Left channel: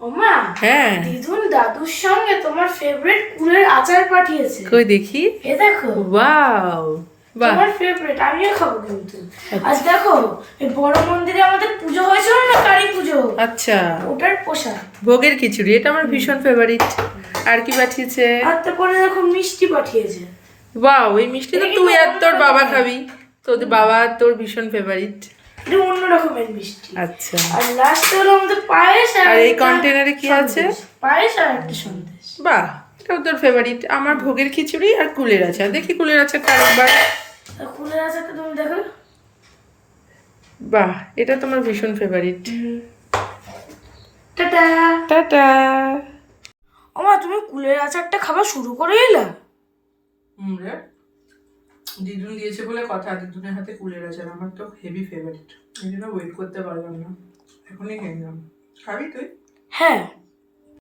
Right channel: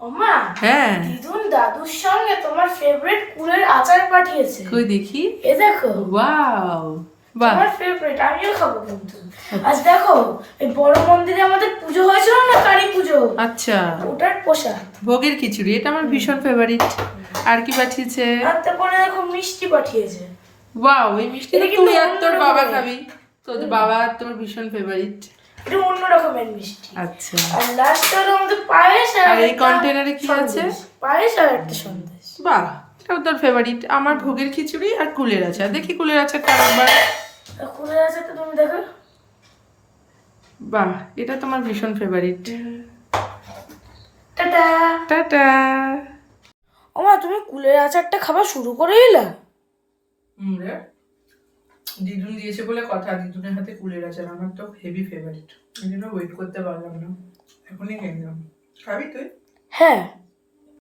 ওমা, হ্যাঁ দিদুন দাদুর সঙ্গে তোমার ফেভারিট কুলের আচার পাঠিয়েছে। কই দেখি। এ দেখো, ওয়াও, বাহ। তোমার ফেভারিট, আমিও খাবো কিন্তু। আজ দেখো, এই বড় মন্দিরে আমাদের পুজো হয়েছিল না, কালী পুজো, আচ্ছা, ওটার প্রসাদ। ভোগের খিচুড়ি, এটা আমার ভীষণ ফেভারিট। আর কি পাঠিয়েছে? আর তারপরে দেখো মিষ্টি পাঠিয়েছে। ওয়াও, এই মিষ্টি তো এটা তুই কিন্তু আর তোর অন্য বাবা রকমের। খাবি, তোর বাবা আর তোর ভীষণ ফেভারিট। এটা অন্য রকমের মিষ্টি। আচ্ছা, আর লাস্টে হলো আমাদের পায়েস আর এই একটা কন্টেনারে কি আছে? সন্দেশ। পায়েস আর একটা সন্দেশ। বাহ, এটাও তোর ফেভারিট। আমার ভোগের খিচুড়ি আর কুলের আচার। দেখি কুলের আচারটা আরেকবার। আর কুলের আচারটা তুমি দেখো। বাহ, এটা তোমার ভীষণ ফেভারিট। টাটা। টাটা। ওমা, তুমি কুলের আচারটা খাওয়া শুরু করে এলা? রে, দিদুন দিয়েছে বলে কথা। দিদুনের হাতে কুলের আচার আমার তো হেভি ফেভারিট, এই জন্য ওয়েট করতে পারলাম না, এখনই খেয়ে নিলাম। খাবি তুই? হ্যাঁ।